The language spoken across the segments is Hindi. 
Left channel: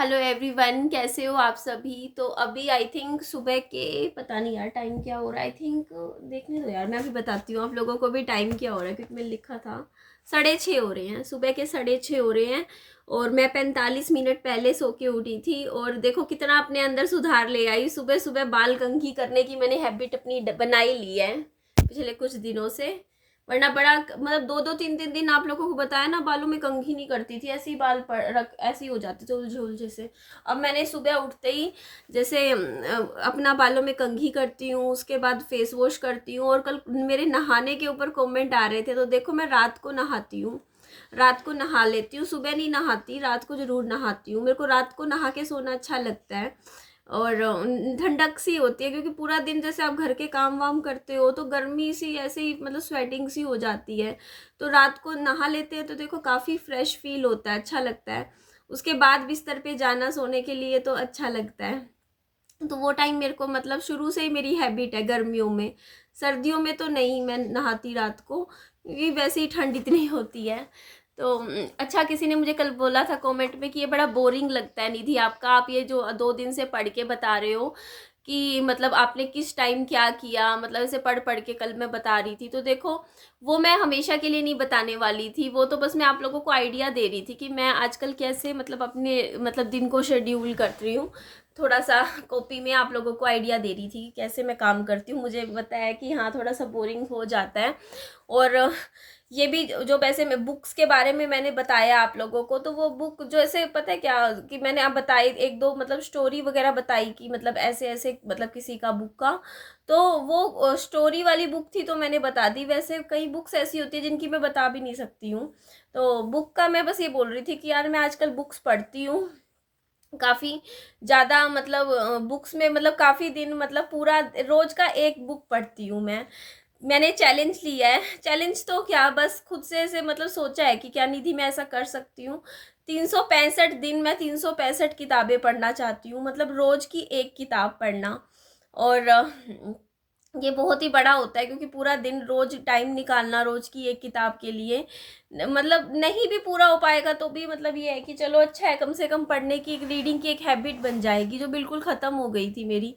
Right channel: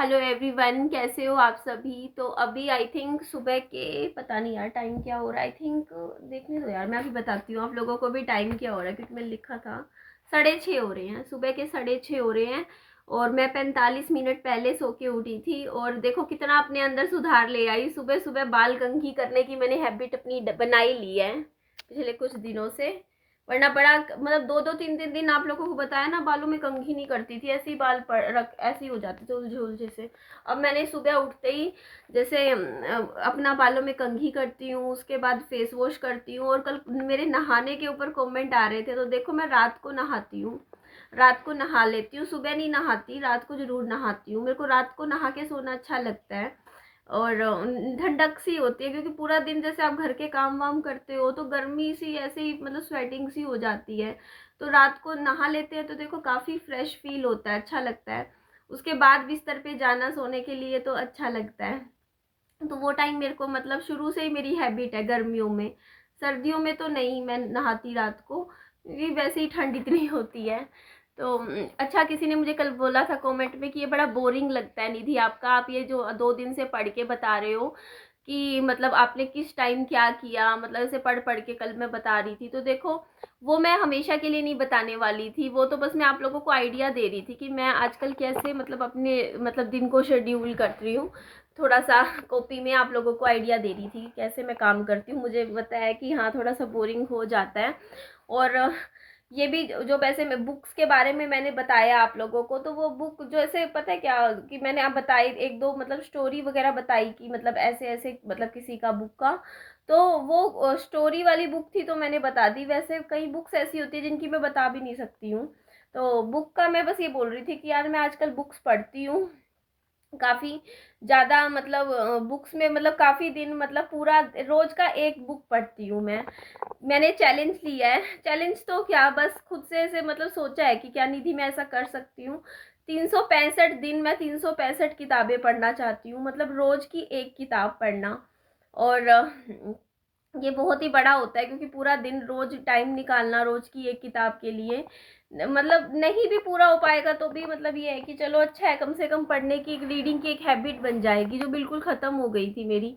हेलो एवरीवन, कैसे हो आप सभी। तो अभी आई थिंक सुबह के, पता नहीं यार टाइम क्या हो रहा है। आई थिंक देखने दो यार, मैं अभी बताती हूँ आप लोगों को भी टाइम क्या हो रहा है, क्योंकि मैंने लिखा था 6:30 हो रहे हैं, सुबह के 6:30 हो रहे हैं। और मैं 45 मिनट पहले सो के उठी थी और देखो कितना अपने अंदर सुधार ले आई। सुबह सुबह बाल कंघी करने की मैंने हैबिट अपनी बनाई ली है पिछले कुछ दिनों से। वरना बड़ा मतलब 2-2 3-3 दिन आप लोगों को बताया ना, बालों में कंघी नहीं करती थी, ऐसे ही बाल रख ऐसे ही हो जाते थे उलझे उलझे से। अब मैंने सुबह उठते ही जैसे अपना बालों में कंघी करती हूँ, उसके बाद फेस वॉश करती हूँ। और कल मेरे नहाने के ऊपर कमेंट आ रहे थे, तो देखो मैं रात को नहाती हूँ, रात को नहा लेती हूँ, सुबह नहीं नहाती, रात को जरूर नहाती हूँ। मेरे को रात को नहा के सोना अच्छा लगता है और ठंडक सी होती है, क्योंकि पूरा दिन जैसे आप घर के काम वाम करते हो तो गर्मी सी ऐसे ही मतलब स्वेटिंग सी हो जाती है। तो रात को नहा लेते हैं तो देखो काफ़ी फ्रेश फील होता है, अच्छा लगता है। उसके बाद बिस्तर पे जाना सोने के लिए तो अच्छा लगता है। तो वो टाइम मेरे को मतलब शुरू से ही मेरी हैबिट है गर्मियों में। सर्दियों में तो नहीं मैं नहाती रात को, क्योंकि वैसे ही ठंड इतनी होती है। तो अच्छा, किसी ने मुझे कल बोला था कमेंट में कि ये बड़ा बोरिंग लगता है निधि आपका, आप ये जो 2 दिन से पढ़ के बता रहे हो कि मतलब आपने किस टाइम क्या किया, मतलब ऐसे पढ़ पढ़ के कल मैं बता रही थी। तो देखो वो मैं हमेशा के लिए नहीं बताने वाली थी, वो तो बस मैं आप लोगों को आइडिया दे रही थी कि मैं आजकल कैसे मतलब अपने मतलब दिन को शेड्यूल कर रही हूँ। थोड़ा सा कॉपी में आप लोगों को आइडिया दे रही थी कैसे मैं काम करती हूँ। मुझे बताया कि हाँ थोड़ा सा बोरिंग हो जाता है। और ये भी जो वैसे मैं बुक्स के बारे में मैंने बताया आप लोगों को, तो वो बुक जो ऐसे पता है क्या कि मैंने आप बताई एक दो मतलब स्टोरी वगैरह बताई कि मतलब ऐसे ऐसे मतलब किसी का बुक का, तो वो स्टोरी वाली बुक थी तो मैंने बता दी। वैसे कई बुक्स ऐसी होती है जिनकी मैं बता भी नहीं सकती हूँ। तो बुक का मैं बस ये बोल रही थी कि यार मैं आजकल बुक्स पढ़ती हूँ काफ़ी ज़्यादा, मतलब बुक्स में मतलब काफ़ी दिन मतलब पूरा रोज़ का एक बुक पढ़ती हूँ मैं। मैंने चैलेंज लिया है, चैलेंज तो क्या बस खुद से ऐसे मतलब सोचा है कि क्या निधि मैं ऐसा कर सकती हूँ। 365 दिन मैं 365 किताबें पढ़ना चाहती हूँ, मतलब रोज़ की एक किताब पढ़ना। और ये बहुत ही बड़ा होता है, क्योंकि पूरा दिन रोज टाइम निकालना रोज की एक किताब के लिए, मतलब नहीं भी पूरा हो पाएगा तो भी मतलब ये है कि चलो अच्छा है, कम से कम पढ़ने की एक रीडिंग की एक हैबिट बन जाएगी जो बिल्कुल ख़त्म हो गई थी मेरी।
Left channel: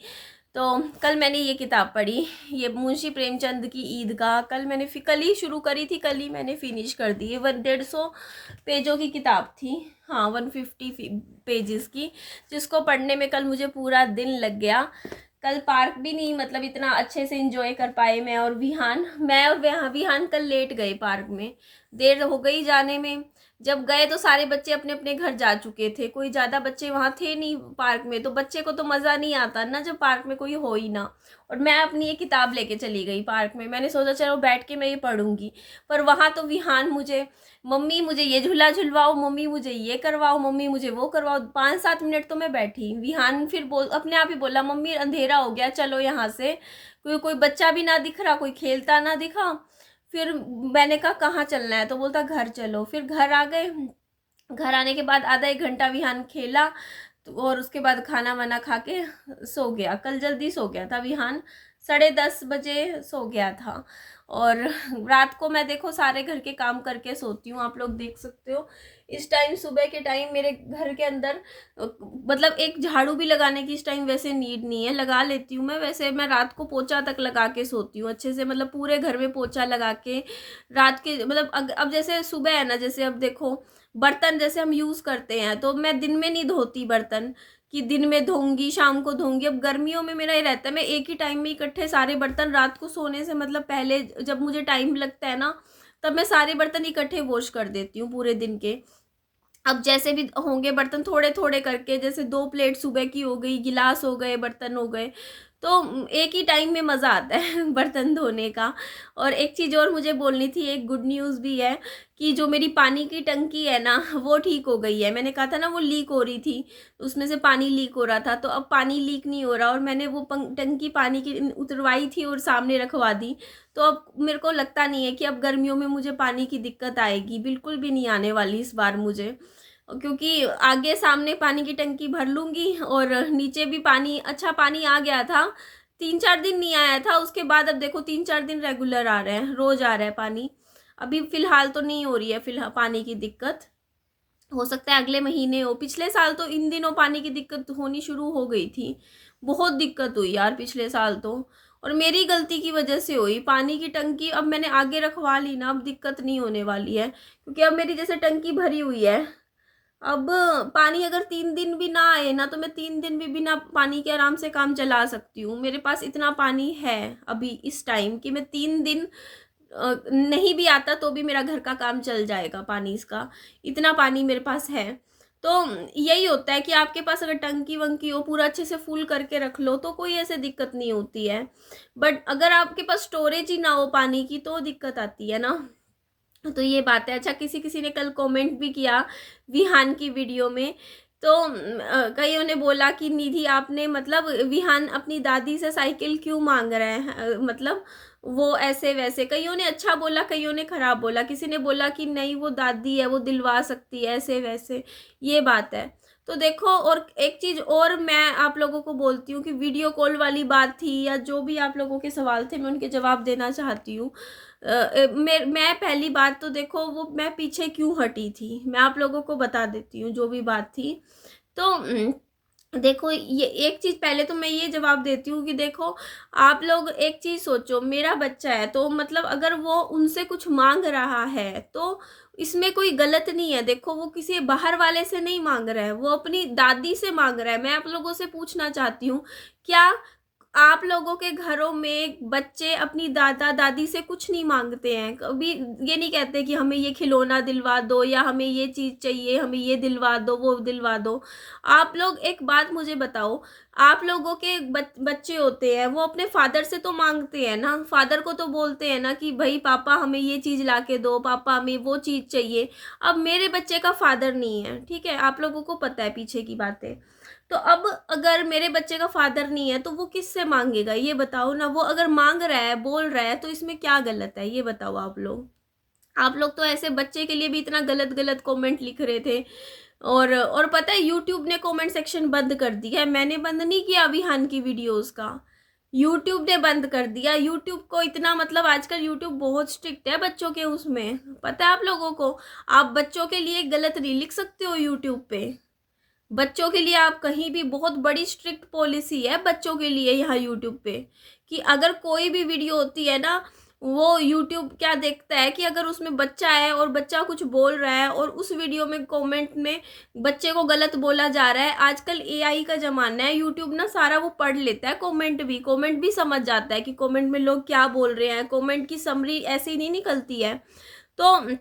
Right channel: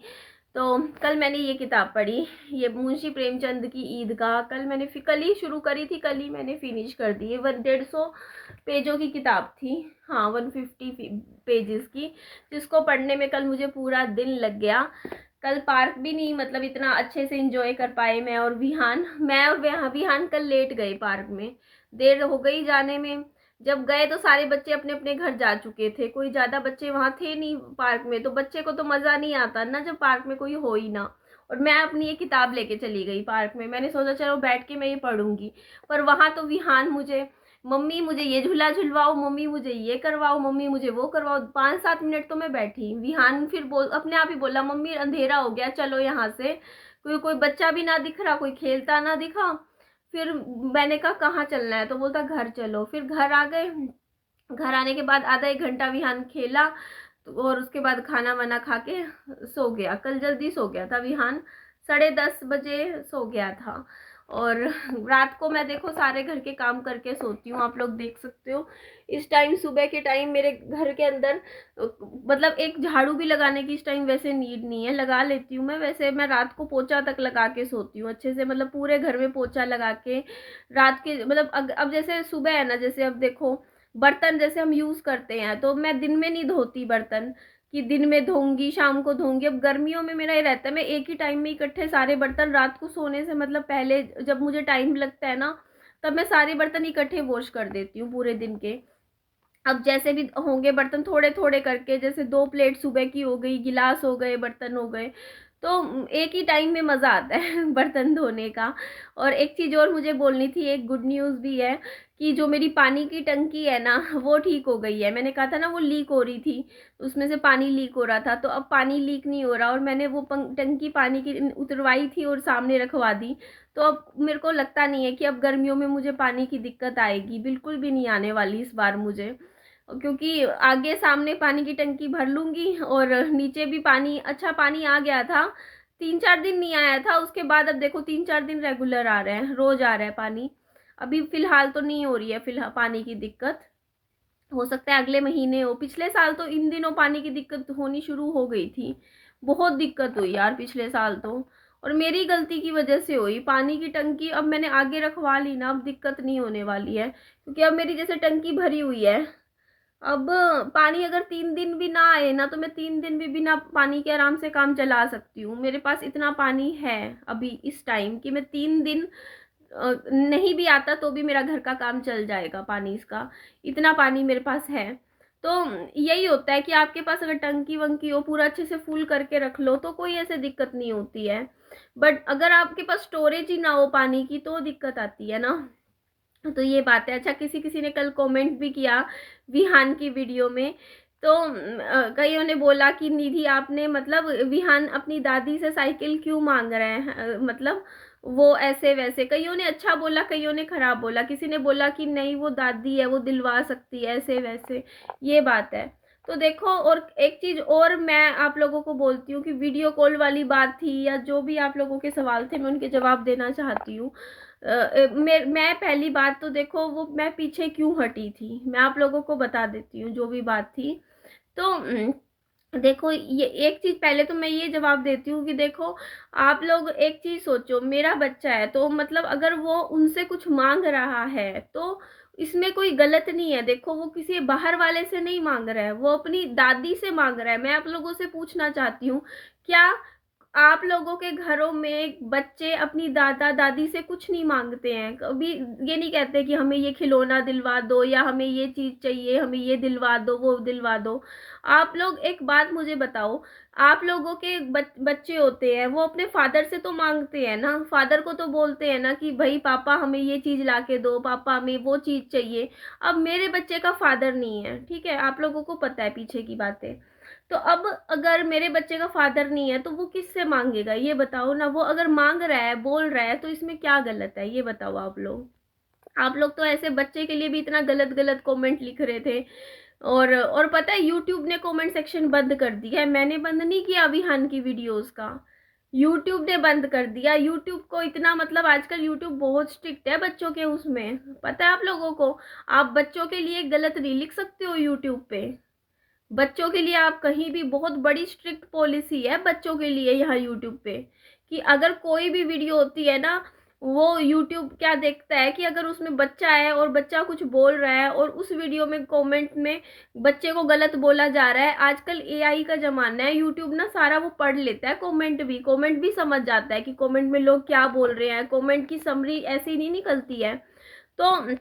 तो कल मैंने ये किताब पढ़ी, ये मुंशी प्रेमचंद की ईदगाह। कल ही शुरू करी थी, कल ही मैंने फिनिश कर दी। ये 150 पेजों की किताब थी, हाँ 150 पेजेस की, जिसको पढ़ने में कल मुझे पूरा दिन लग गया। कल पार्क भी नहीं मतलब इतना अच्छे से एंजॉय कर पाए मैं और विहान कल लेट गए पार्क में, देर हो गई जाने में। जब गए तो सारे बच्चे अपने अपने घर जा चुके थे, कोई ज़्यादा बच्चे वहाँ थे नहीं पार्क में। तो बच्चे को तो मज़ा नहीं आता ना जब पार्क में कोई हो ही ना। और मैं अपनी ये किताब लेके चली गई पार्क में, मैंने सोचा चलो बैठ के मैं ये पढ़ूंगी। पर वहाँ तो विहान मुझे, मम्मी मुझे ये झूला झुलवाओ, मम्मी मुझे ये करवाओ, मम्मी मुझे वो करवाओ। 5-7 मिनट तो मैं बैठी, विहान फिर बोल अपने आप ही बोला मम्मी अंधेरा हो गया चलो यहाँ से, कोई कोई बच्चा भी ना दिख रहा, कोई खेलता ना दिखा। फिर मैंने कहा कहाँ चलना है, तो बोलता घर चलो। फिर घर आ गए, घर आने के बाद आधा एक घंटा विहान खेला, तो और उसके बाद खाना वाना खा के सो गया। कल जल्दी सो गया था विहान, 10:30 बजे सो गया था। और रात को मैं देखो सारे घर के काम करके सोती हूँ, आप लोग देख सकते हो। इस टाइम सुबह के टाइम मेरे घर के अंदर मतलब एक झाड़ू भी लगाने की इस टाइम वैसे नीड नहीं है, लगा लेती हूँ मैं। वैसे मैं रात को पोछा तक लगा के सोती हूँ अच्छे से, मतलब पूरे घर में पोछा लगा के रात के मतलब अब जैसे सुबह है ना, जैसे अब देखो बर्तन जैसे हम यूज़ करते हैं तो मैं दिन में नहीं धोती बर्तन कि दिन में धोऊंगी शाम को धोऊंगी। अब गर्मियों में मेरा ये रहता है मैं एक ही टाइम में इकट्ठे सारे बर्तन रात को सोने से मतलब पहले जब मुझे टाइम लगता है ना, तब मैं सारे बर्तन इकट्ठे वॉश कर देती हूँ पूरे दिन के। अब जैसे भी होंगे बर्तन थोड़े थोड़े करके, जैसे 2 प्लेट सुबह की हो गई, गिलास हो गए, बर्तन हो गए, तो एक ही टाइम में मज़ा आता है बर्तन धोने का। और एक चीज़ और मुझे बोलनी थी, एक गुड न्यूज़ भी है कि जो मेरी पानी की टंकी है ना वो ठीक हो गई है। मैंने कहा था ना वो लीक हो रही थी, उसमें से पानी लीक हो रहा था, तो अब पानी लीक नहीं हो रहा। और मैंने वो टंकी पानी की उतरवाई थी और सामने रखवा दी। तो अब मेरे को लगता नहीं है कि अब गर्मियों में मुझे पानी की दिक्कत आएगी, बिल्कुल भी नहीं आने वाली इस बार मुझे, क्योंकि आगे सामने पानी की टंकी भर लूँगी और नीचे भी पानी, अच्छा पानी आ गया था। 3-4 दिन नहीं आया था, उसके बाद अब देखो 3-4 दिन रेगुलर आ रहे हैं, रोज़ आ रहा है पानी। अभी फ़िलहाल तो नहीं हो रही है फ़िलहाल पानी की दिक्कत। हो सकता है अगले महीने हो। पिछले साल तो इन दिनों पानी की दिक्कत होनी शुरू हो गई थी, बहुत दिक्कत हुई यार पिछले साल तो, और मेरी गलती की वजह से हुई। पानी की टंकी अब मैंने आगे रखवा ली ना, अब दिक्कत नहीं होने वाली है, क्योंकि अब मेरी जैसे टंकी भरी हुई है। अब पानी अगर 3 दिन भी ना आए ना, तो मैं 3 दिन भी बिना पानी के आराम से काम चला सकती हूँ। मेरे पास इतना पानी है अभी इस टाइम कि मैं 3 दिन नहीं भी आता तो भी मेरा घर का काम चल जाएगा पानी इसका, इतना पानी मेरे पास है। तो यही होता है कि आपके पास अगर टंकी वंकी हो, पूरा अच्छे से फुल करके रख लो, तो कोई ऐसे दिक्कत नहीं होती है। बट अगर आपके पास स्टोरेज ही ना हो पानी की, तो दिक्कत आती है ना। तो ये बात है। अच्छा, किसी किसी ने कल कमेंट भी किया विहान की वीडियो में, तो कईयों ने बोला कि निधि आपने मतलब विहान अपनी दादी से साइकिल क्यों मांग रहे हैं, मतलब वो ऐसे वैसे। कईयों ने अच्छा बोला, कईयों ने खराब बोला। किसी ने बोला कि नहीं वो दादी है, वो दिलवा सकती है, ऐसे वैसे। ये बात है। तो देखो, और एक चीज़ और मैं आप लोगों को बोलती हूँ कि वीडियो कॉल वाली बात थी, या जो भी आप लोगों के सवाल थे मैं उनके जवाब देना चाहती हूँ। मैं पहली बात तो देखो, वो मैं पीछे क्यों हटी थी, मैं आप लोगों को बता देती हूँ जो भी बात थी। तो देखो, ये एक चीज़ पहले तो मैं ये जवाब देती हूँ कि देखो, आप लोग एक चीज़ सोचो, मेरा बच्चा है तो मतलब अगर वो उनसे कुछ मांग रहा है तो इसमें कोई गलत नहीं है। देखो, वो किसी बाहर वाले से नहीं मांग रहा है, वो अपनी दादी से मांग रहा है। मैं आप लोगों से पूछना चाहती हूँ, क्या आप लोगों के घरों में बच्चे अपनी दादा दादी से कुछ नहीं मांगते हैं? कभी ये नहीं कहते कि हमें ये खिलौना दिलवा दो, या हमें ये चीज़ चाहिए, हमें ये दिलवा दो, वो दिलवा दो। आप लोग एक बात मुझे बताओ, आप लोगों के बच्चे होते हैं, वो अपने फादर से तो मांगते हैं ना, फादर को तो बोलते हैं ना कि भाई पापा हमें ये चीज़ ला के दो, पापा हमें वो चीज़ चाहिए। अब मेरे बच्चे का फादर नहीं है, ठीक है, आप लोगों को पता है पीछे की बातें। तो अब अगर मेरे बच्चे का फादर नहीं है तो वो किससे मांगेगा, ये बताओ ना। वो अगर मांग रहा है, बोल रहा है, तो इसमें क्या गलत है, ये बताओ आप लोग। आप लोग तो ऐसे बच्चे के लिए भी इतना गलत गलत कमेंट लिख रहे थे। और पता है, यूट्यूब ने कमेंट सेक्शन बंद कर दिया है। मैंने बंद नहीं किया विहान की वीडियोस का, यूट्यूब ने बंद कर दिया। यूट्यूब को इतना मतलब आजकल यूट्यूब बहुत स्ट्रिक्ट है बच्चों के उसमें, पता है आप लोगों को। आप बच्चों के लिए गलत नहीं लिख सकते हो यूट्यूब पे। बच्चों के लिए आप कहीं भी, बहुत बड़ी स्ट्रिक्ट पॉलिसी है बच्चों के लिए यहाँ यूट्यूब पे, कि अगर कोई भी वीडियो होती है ना, वो यूट्यूब क्या देखता है कि अगर उसमें बच्चा है और बच्चा कुछ बोल रहा है और उस वीडियो में कमेंट में बच्चे को गलत बोला जा रहा है। आजकल एआई का ज़माना है, यूट्यूब ना सारा वो पढ़ लेता है, कमेंट भी समझ जाता है कि कमेंट में लोग क्या बोल रहे हैं। कमेंट की समरी ऐसी नहीं निकलती है, तो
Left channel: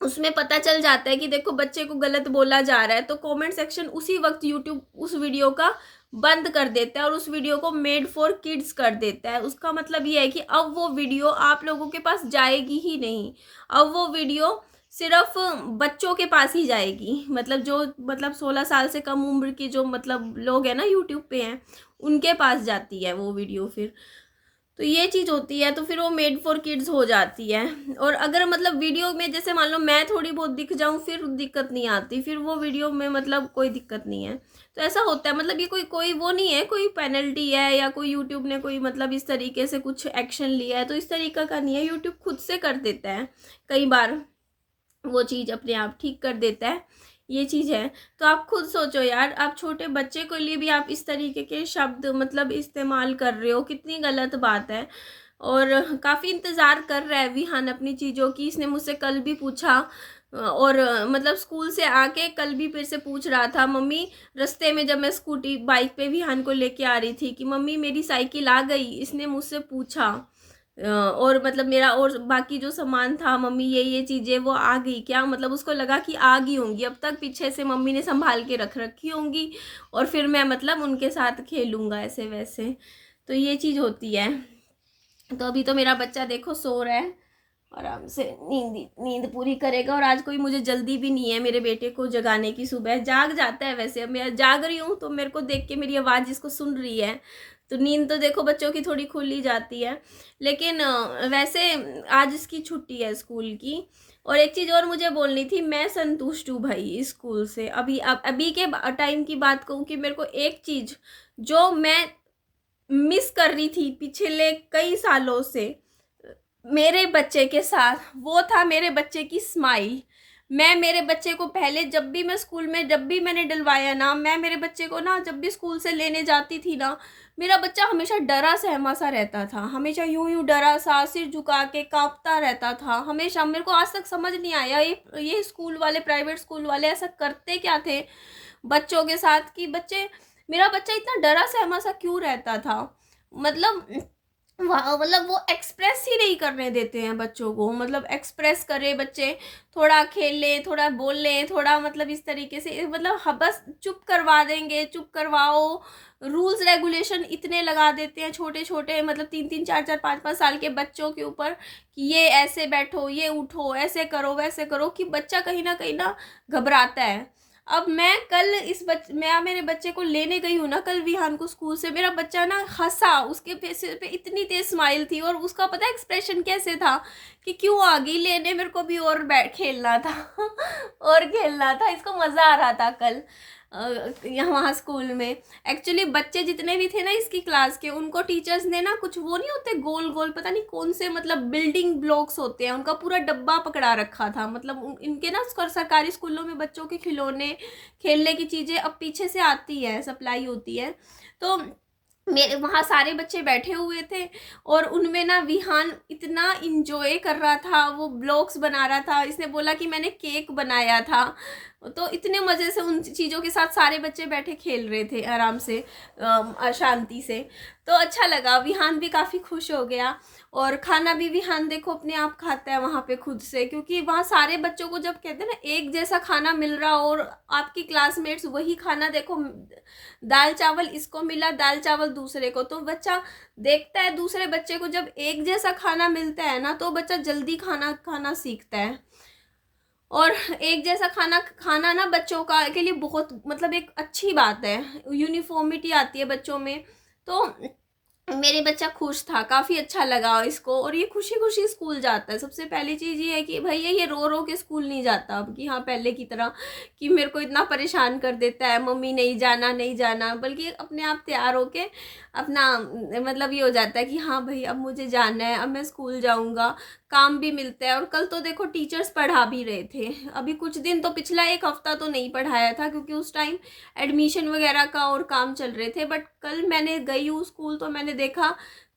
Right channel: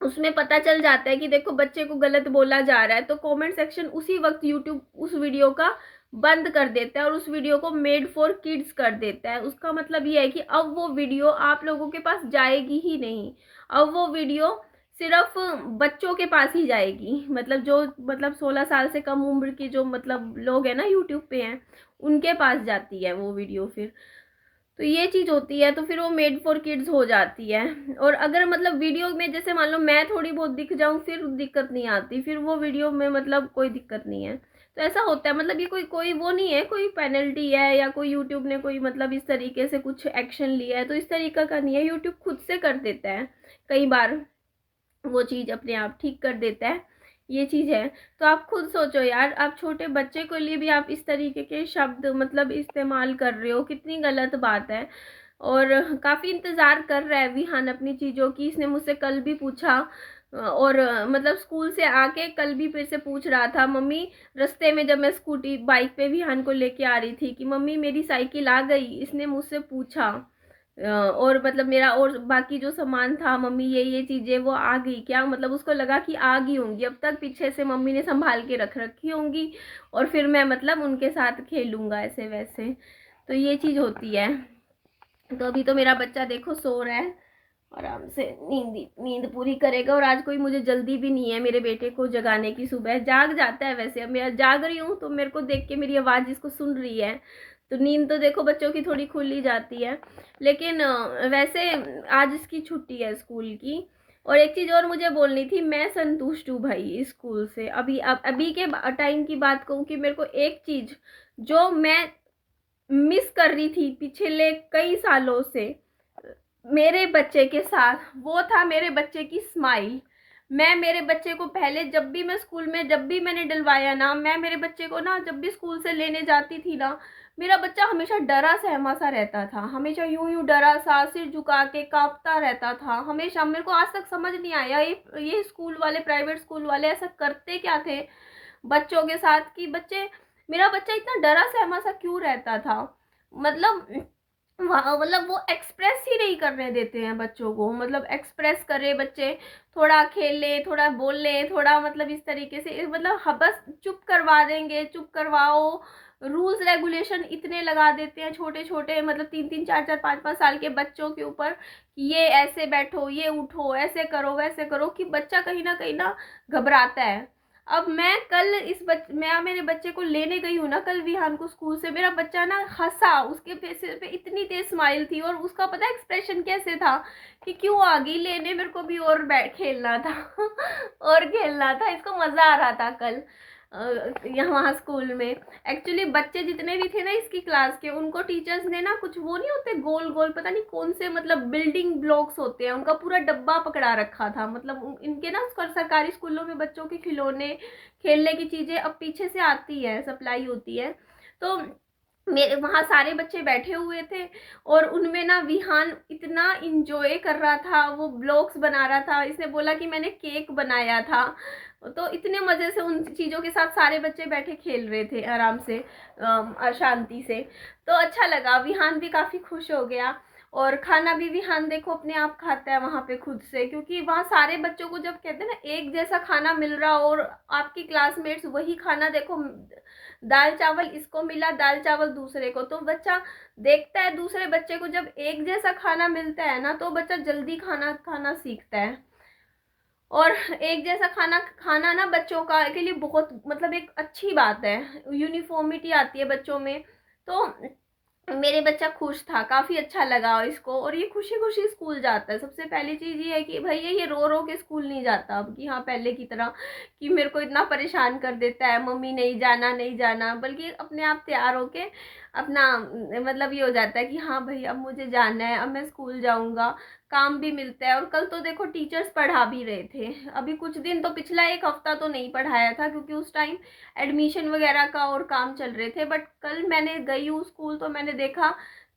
उसमें पता चल जाता है कि देखो बच्चे को गलत बोला जा रहा है, तो कमेंट सेक्शन उसी वक्त यूट्यूब उस वीडियो का बंद कर देता है और उस वीडियो को मेड फॉर किड्स कर देता है। उसका मतलब ये है कि अब वो वीडियो आप लोगों के पास जाएगी ही नहीं, अब वो वीडियो सिर्फ बच्चों के पास ही जाएगी। मतलब जो मतलब 16 साल से कम उम्र की जो मतलब लोग हैं ना यूट्यूब पे हैं, उनके पास जाती है वो वीडियो फिर। तो ये चीज़ होती है, तो फिर वो मेड फॉर किड्स हो जाती है। और अगर मतलब वीडियो में जैसे मान लो मैं थोड़ी बहुत दिख जाऊँ, फिर दिक्कत नहीं आती, फिर वो वीडियो में मतलब कोई दिक्कत नहीं है। तो ऐसा होता है, मतलब ये कोई कोई वो नहीं है, कोई पेनल्टी है या कोई यूट्यूब ने कोई मतलब इस तरीके से कुछ एक्शन लिया है, तो इस तरीका का नहीं है। यूट्यूब खुद से कर देता है कई बार, वो चीज़ अपने आप ठीक कर देता है, ये चीज़ है। तो आप खुद सोचो यार, आप छोटे बच्चे के लिए भी आप इस तरीके के शब्द मतलब इस्तेमाल कर रहे हो, कितनी गलत बात है। और काफ़ी इंतज़ार कर रहा है विहान अपनी चीज़ों की। इसने मुझसे कल भी पूछा, और मतलब स्कूल से आके कल भी फिर से पूछ रहा था, मम्मी रास्ते में जब मैं स्कूटी बाइक पे विहान को लेके आ रही थी कि मम्मी मेरी साइकिल आ गई, इसने मुझसे पूछा। और मतलब मेरा और बाकी जो सामान था, मम्मी ये चीज़ें वो आ गई क्या, मतलब उसको लगा कि आ गई होंगी, अब तक पीछे से मम्मी ने संभाल के रख रखी होंगी और फिर मैं मतलब उनके साथ खेलूँगा ऐसे वैसे। तो ये चीज़ होती है। तो अभी तो मेरा बच्चा देखो सो रहा है, आराम से नींद पूरी करेगा। और आज कोई मुझे जल्दी भी नहीं है मेरे बेटे को जगाने की, सुबह जाग जाता है वैसे। अब मैं जाग रही हूँ तो मेरे को देख के मेरी आवाज़ इसको सुन रही है, तो नींद तो देखो बच्चों की थोड़ी खुल ही जाती है। लेकिन वैसे आज इसकी छुट्टी है स्कूल की। और एक चीज़ और मुझे बोलनी थी, मैं संतुष्ट हूँ भाई स्कूल से। अभी के टाइम की बात कहूँ कि मेरे को एक चीज़ जो मैं मिस कर रही थी पिछले कई सालों से मेरे बच्चे के साथ, वो था मेरे बच्चे की स्माइल। मैं मेरे बच्चे को पहले जब भी मैं स्कूल में जब भी मैंने डलवाया ना, मैं मेरे बच्चे को ना जब भी स्कूल से लेने जाती थी ना, मेरा बच्चा हमेशा डरा सहमा सा रहता था, हमेशा यूं यूं डरा सा सिर झुका के कांपता रहता था हमेशा। मेरे को आज तक समझ नहीं आया ये स्कूल वाले, प्राइवेट स्कूल वाले ऐसा करते क्या थे बच्चों के साथ कि बच्चे, मेरा बच्चा इतना डरा सहमा सा क्यों रहता था। मतलब मतलब वो एक्सप्रेस ही नहीं करने देते हैं बच्चों को, मतलब एक्सप्रेस करे बच्चे, थोड़ा खेल ले, थोड़ा बोल ले, थोड़ा मतलब इस तरीके से, मतलब बस चुप करवा देंगे, चुप करवाओ। रूल्स रेगुलेशन इतने लगा देते हैं छोटे छोटे, मतलब 3 3 4 4 5 5 साल के बच्चों के ऊपर कि ये ऐसे बैठो, ये उठो, ऐसे करो, वैसे करो, कि बच्चा कहीं ना घबराता है। अब मैं मेरे बच्चे को लेने गई हूँ ना कल विहान को स्कूल से, मेरा बच्चा ना हंसा, उसके फेस पे इतनी तेज स्माइल थी, और उसका पता है एक्सप्रेशन कैसे था कि क्यों आ गई लेने, मेरे को भी और बैठ खेलना था और खेलना था, इसको मज़ा आ रहा था कल यहाँ स्कूल में। एक्चुअली बच्चे जितने भी थे ना इसकी क्लास के, उनको टीचर्स ने ना कुछ वो नहीं होते गोल गोल, पता नहीं कौन से, मतलब बिल्डिंग ब्लॉक्स होते हैं, उनका पूरा डब्बा पकड़ा रखा था। मतलब इनके ना सरकारी स्कूलों में बच्चों के खिलौने, खेलने की चीज़ें अब पीछे से आती है, सप्लाई होती है। तो मेरे वहाँ सारे बच्चे बैठे हुए थे, और उनमें ना विहान इतना इंजॉय कर रहा था, वो ब्लॉक्स बना रहा था, इसने बोला कि मैंने केक बनाया था। तो इतने मज़े से उन चीज़ों के साथ सारे बच्चे बैठे खेल रहे थे आराम से, शांति से। तो अच्छा लगा, विहान भी काफ़ी खुश हो गया। और खाना भी विहान देखो अपने आप खाता है वहाँ पे खुद से, क्योंकि वहाँ सारे बच्चों को जब कहते हैं ना एक जैसा खाना मिल रहा हो, और आपकी क्लासमेट्स वही खाना देखो, दाल चावल इसको मिला, दाल चावल दूसरे को, तो बच्चा देखता है दूसरे बच्चे को, जब एक जैसा खाना मिलता है ना तो बच्चा जल्दी खाना खाना सीखता है। और एक जैसा खाना खाना ना बच्चों का के लिए बहुत, मतलब एक अच्छी बात है, यूनिफॉर्मिटी आती है बच्चों में। तो मेरे बच्चा खुश था, काफ़ी अच्छा लगा इसको, और ये खुशी खुशी स्कूल जाता है। सबसे पहली चीज़ ये है कि भैया ये रो रो के स्कूल नहीं जाता अब, कि हाँ पहले की तरह कि मेरे को इतना परेशान कर देता है, मम्मी नहीं जाना नहीं जाना, बल्कि अपने आप तैयार होके अपना, मतलब ये हो जाता है कि हाँ भाई अब मुझे जाना है, अब मैं स्कूल जाऊँगा, काम भी मिलता है। और कल तो देखो टीचर्स पढ़ा भी रहे थे, अभी कुछ दिन तो पिछला एक हफ्ता तो नहीं पढ़ाया था, क्योंकि उस टाइम एडमिशन वगैरह का और काम चल रहे थे। बट कल मैंने गई हूँ स्कूल तो मैंने देखा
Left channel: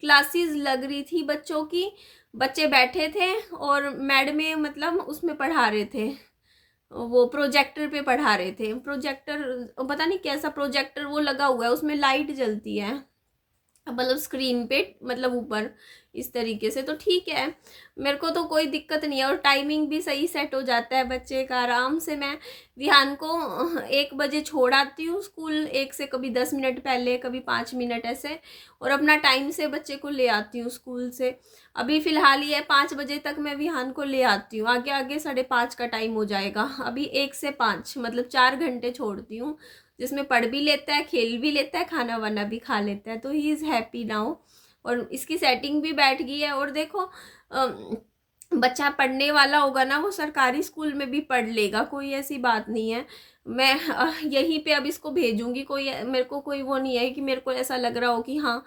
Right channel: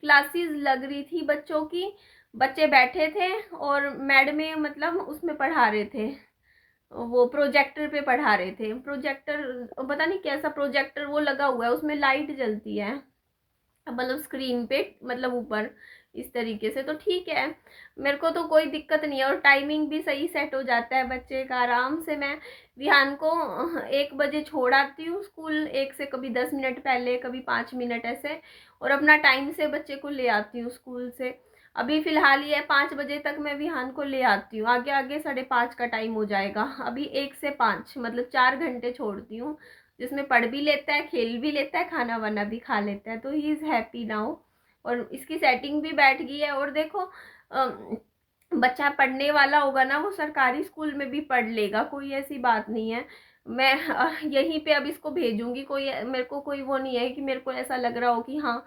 क्लासेस लग रही थी बच्चों की, बच्चे बैठे थे, और मैडमें मतलब उसमें पढ़ा रहे थे, वो प्रोजेक्टर पे पढ़ा रहे थे। प्रोजेक्टर पता नहीं कैसा प्रोजेक्टर वो लगा हुआ है, उसमें लाइट जलती है, मतलब स्क्रीन पे, मतलब ऊपर इस तरीके से। तो ठीक है, मेरे को तो कोई दिक्कत नहीं है, और टाइमिंग भी सही सेट हो जाता है बच्चे का। आराम से मैं विहान को 1 बजे छोड़ आती हूँ स्कूल, 1 से कभी 10 मिनट पहले, कभी 5 मिनट ऐसे, और अपना टाइम से बच्चे को ले आती हूँ स्कूल से। अभी फ़िलहाल ये 5 बजे तक मैं विहान को ले आती हूँ, आगे आगे 5:30 का टाइम हो जाएगा। अभी 1 से 5 मतलब 4 घंटे छोड़ती हूँ, जिसमें पढ़ भी लेता है, खेल भी लेता है, खाना वाना भी खा लेता है, तो ही इज़ हैप्पी नाउ। और इसकी सेटिंग भी बैठ गई है। और देखो बच्चा पढ़ने वाला होगा ना, वो सरकारी स्कूल में भी पढ़ लेगा, कोई ऐसी बात नहीं है। मैं यहीं पे अब इसको भेजूंगी, कोई मेरे को कोई वो नहीं है कि मेरे को ऐसा लग रहा हो कि हाँ